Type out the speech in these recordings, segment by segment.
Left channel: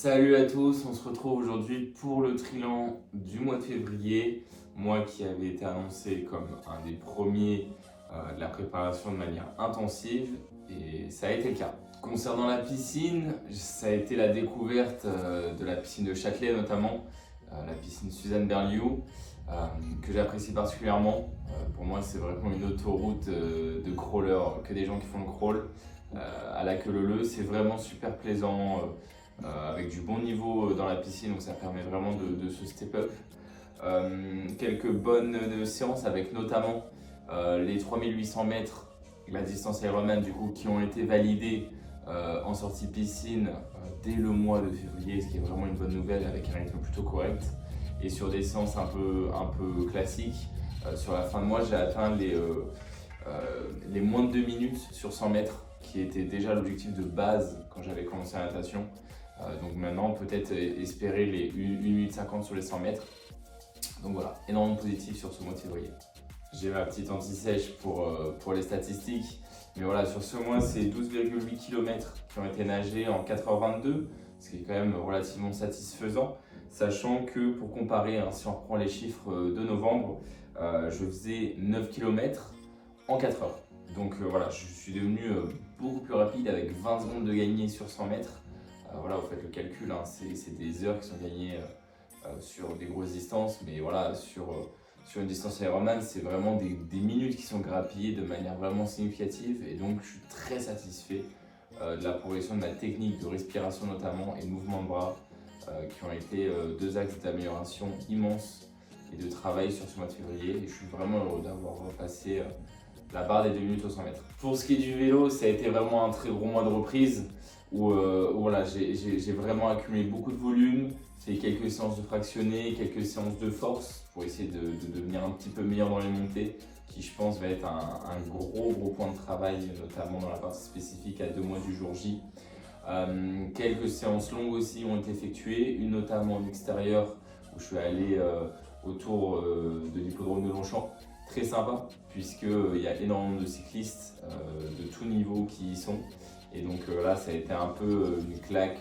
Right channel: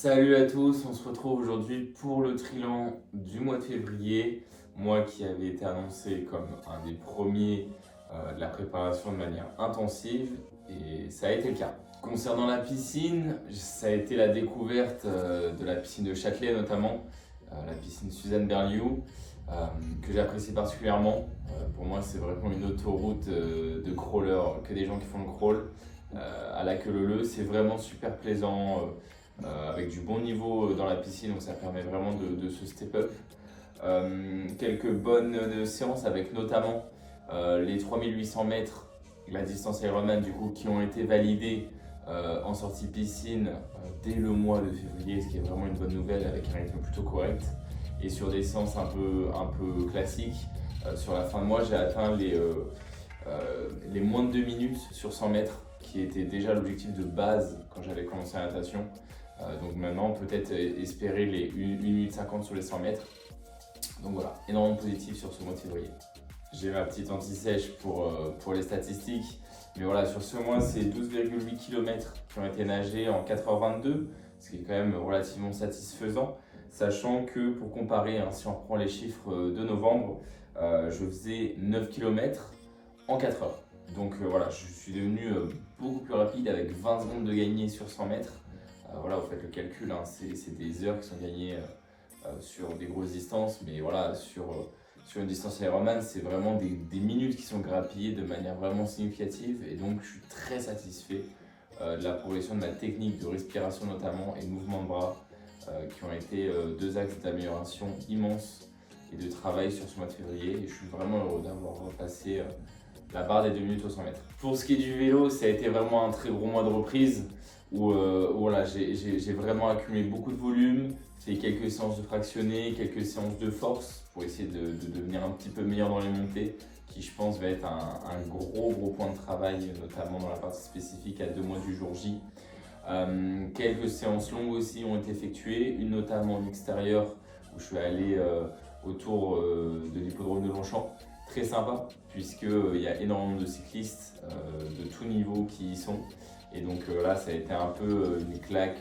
Salut à tous, on se retrouve aujourd'hui pour le trilan du mois de février, mois qui avait été annoncé comme un des premiers de la préparation de manière intensive et ça a été le cas. Concernant la piscine, ça a été la découverte de la piscine de Châtelet notamment, la piscine Suzanne Berliou, que j'apprécie particulièrement. Pour moi c'est vraiment une autoroute de crawler, que des gens qui font le crawl à la queue leu-leu, c'est vraiment super plaisant. Avec du bon niveau dans la piscine, donc ça permet vraiment de se step up. Quelques bonnes séances avec notamment les 3800 mètres, la distance Ironman du coup, qui ont été validées en sortie piscine dès le mois de février, ce qui est vraiment une bonne nouvelle avec un rythme plutôt correct. Et sur des séances un peu classiques, sur la fin de mois, j'ai atteint les moins de 2 minutes sur 100 mètres, qui était déjà l'objectif de base quand j'avais commencé la natation. Donc maintenant, peut-être espérer les 1 minute 50 sur les 100 mètres. Donc voilà, énormément positif sur ce mois de février. J'ai ma petite anti-sèche pour les statistiques. Mais voilà, sur ce mois, c'est 12,8 km qui ont été nagés en 4h22, ce qui est quand même relativement satisfaisant. Sachant que, pour comparer, si on reprend les chiffres de novembre, je faisais 9 km en 4 heures. Donc voilà, je suis devenu beaucoup plus rapide avec 20 secondes de gagné sur 100 mètres. Voilà, vous faites le calcul, hein, c'est des heures qui sont gagnées sur des grosses distances, mais voilà, sur une distance Ironman, c'est vraiment des minutes qui sont grappillées de manière vraiment significative, et donc je suis très satisfait de la progression de ma technique de respiration notamment et de mouvement de bras, qui ont été deux axes d'amélioration immenses et de travail sur ce mois de février, et je suis vraiment heureux d'avoir passé la barre des 2 minutes au 100 mètres. Pour ce qui est du vélo, ça a été vraiment un très gros mois de reprise où voilà, j'ai vraiment accumulé beaucoup de volume, fait quelques séances de fractionné, quelques séances de force pour essayer de devenir un petit peu meilleur dans les montées, qui je pense va être un gros point de travail, notamment dans la partie spécifique à 2 mois du jour J. Quelques séances longues aussi ont été effectuées, une notamment en extérieur où je suis allé autour de l'hippodrome de Longchamp. Très sympa, puisqu'il y a énormément de cyclistes de tout niveau qui y sont. Et donc là, ça a été un peu une claque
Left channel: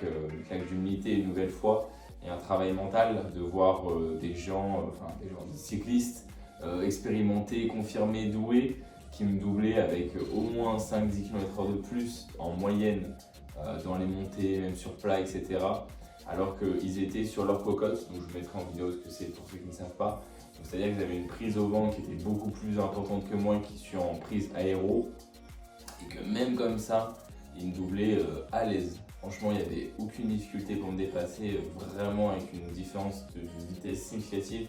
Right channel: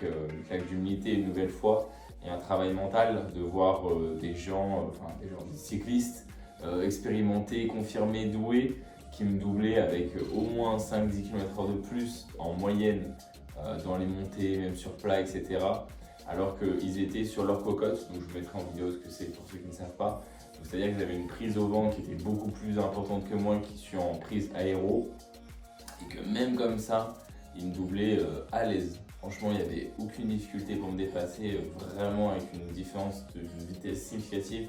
d'humilité une nouvelle fois, et un travail mental de voir des cyclistes expérimentés, confirmés, doués, qui me doublaient avec au moins 5-10 km/h de plus en moyenne dans les montées, même sur plat, etc. Alors qu'ils étaient sur leur cocotte, donc je vous mettrai en vidéo ce que c'est pour ceux qui ne savent pas. C'est-à-dire que j'avais une prise au vent qui était beaucoup plus importante que moi, qui suis en prise aéro, et que même comme ça, il me doublait à l'aise. Franchement, il n'y avait aucune difficulté pour me dépasser, vraiment avec une différence de vitesse significative.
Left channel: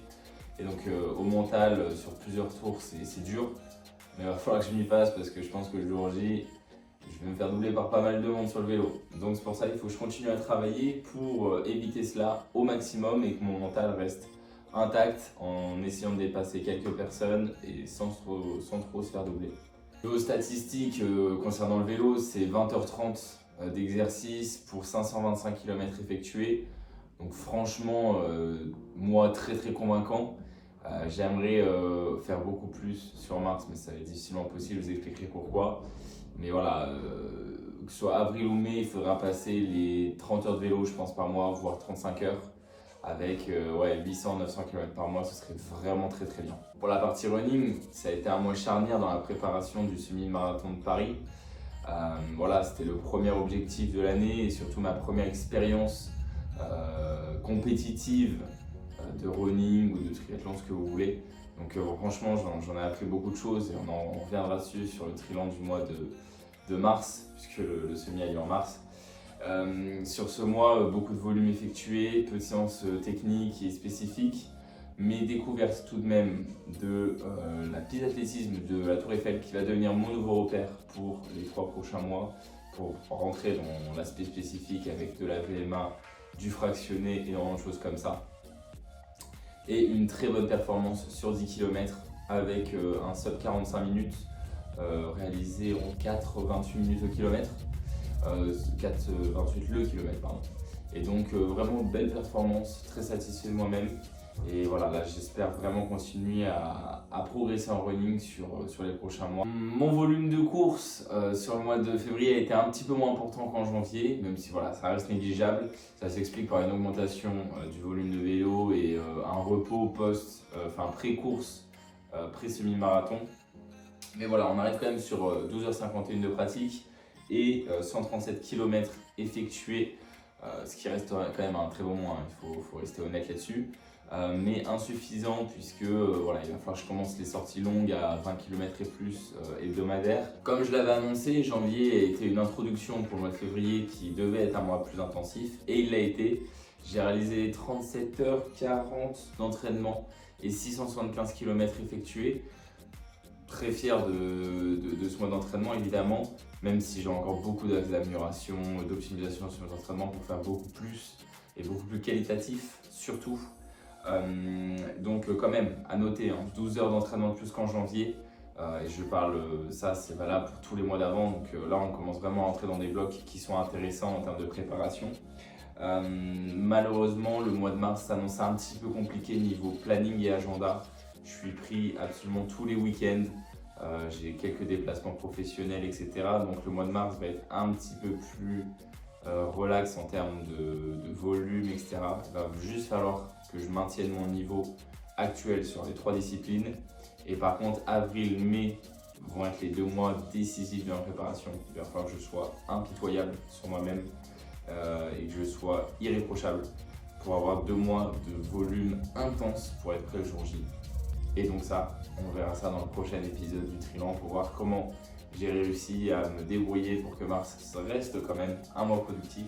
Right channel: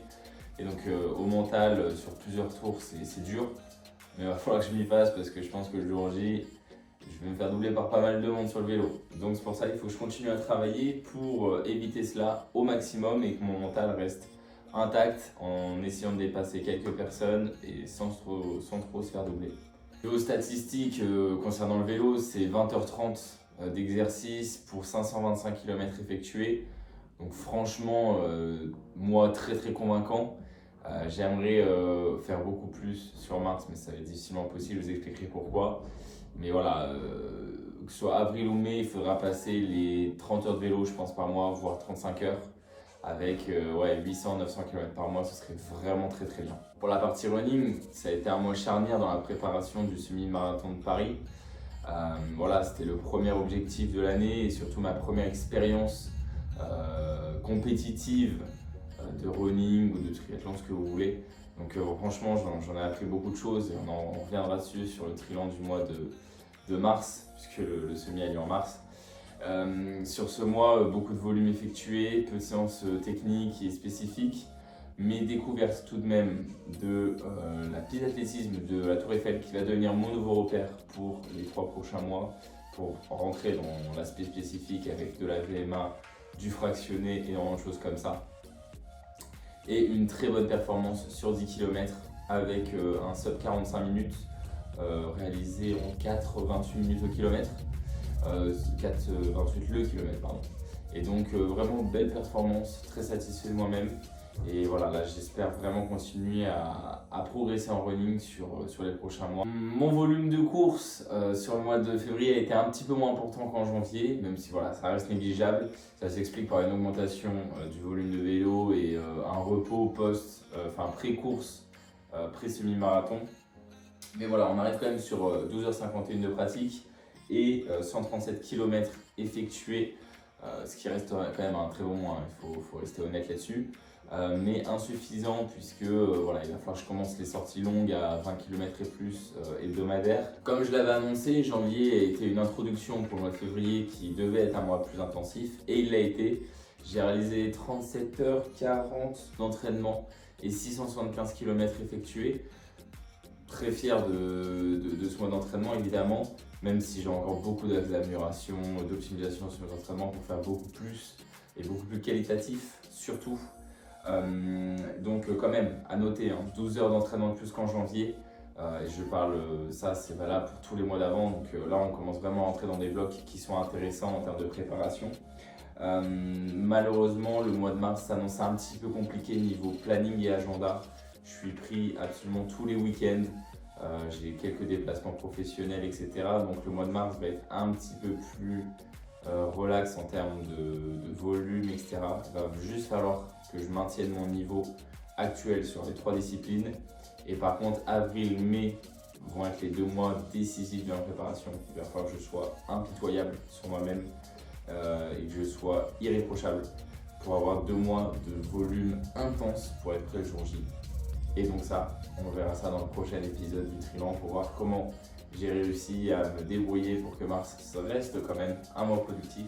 Et donc au mental, sur plusieurs tours, c'est dur, mais il va falloir que je m'y passe parce que je pense que le jour J, je vais me faire doubler par pas mal de monde sur le vélo. Donc c'est pour ça qu'il faut que je continue à travailler pour éviter cela au maximum et que mon mental reste intact en essayant de dépasser quelques personnes et sans trop se faire doubler. Aux statistiques concernant le vélo, c'est 20h30 d'exercice pour 525 km effectués. Donc franchement, moi très convaincant. J'aimerais faire beaucoup plus sur Mars, mais ça va être difficilement possible, je vous expliquerai pourquoi. Mais voilà, que ce soit avril ou mai, il faudra passer les 30 heures de vélo, je pense, par mois, voire 35 heures. Avec 800-900 km par mois, ce serait vraiment très bien. Pour la partie running, ça a été un mois charnière dans la préparation du semi-marathon de Paris. Voilà, c'était le premier objectif de l'année et surtout ma première expérience compétitive de running ou de triathlon, ce que vous voulez. Donc franchement, j'en ai appris beaucoup de choses et on en reviendra dessus sur le trilan du mois de mars, puisque le semi a lieu en mars. Sur ce mois, beaucoup de volume effectué, peu de séances techniques et spécifiques, mais découverte tout de même de la piste d'athlétisme de la Tour Eiffel qui va devenir mon nouveau repère pour les 3 prochains mois, pour rentrer dans l'aspect spécifique avec de la VMA, du fractionné et énormément de choses comme ça. Et une très bonne performance sur 10 km avec un sub 45 minutes réalisé en 4,28 minutes au kilomètre. 4,28 le kilomètre, pardon. Et donc vraiment belle performance, très satisfait de moi-même. Et voilà, là j'espère vraiment continuer à progresser en running sur les prochains mois. Mon volume de course sur le mois de février a été un petit peu moins important qu'en janvier, même si voilà, ça reste négligeable. Ça s'explique par une augmentation du volume de vélo et un repos pré-course, pré-semi-marathon. Mais voilà, on arrive quand même sur 12h51 de pratique et 137 km effectués, ce qui reste quand même un très bon mois, il faut rester honnête là-dessus. Mais insuffisant puisque voilà, il va falloir que je commence les sorties longues à 20 km et plus hebdomadaires. Comme je l'avais annoncé, janvier a été une introduction pour le mois de février qui devait être un mois plus intensif et il l'a été. J'ai réalisé 37h40 d'entraînement et 675 km effectués. Très fier de ce mois d'entraînement évidemment, même si j'ai encore beaucoup d'axes d'amélioration, d'optimisation sur mes entraînements pour faire beaucoup plus et beaucoup plus qualitatif surtout. Donc quand même à noter, 12 heures d'entraînement de plus qu'en janvier, et je parle, ça c'est valable pour tous les mois d'avant, donc là on commence vraiment à entrer dans des blocs qui sont intéressants en termes de préparation. Malheureusement le mois de mars s'annonce un petit peu compliqué niveau planning et agenda. Je suis pris absolument tous les week-ends, j'ai quelques déplacements professionnels etc. Donc le mois de mars va être un petit peu plus relax en termes de volume etc. Il va juste falloir que je maintienne mon niveau actuel sur les 3 disciplines. Et par contre, avril, mai vont être les 2 mois décisifs de ma préparation. Il va falloir que je sois impitoyable sur moi-même et que je sois irréprochable pour avoir 2 mois de volume intense pour être prêt le jour J. Et donc ça, on verra ça dans le prochain épisode du Trilan pour voir comment j'ai réussi à me débrouiller pour que mars reste quand même un mois productif.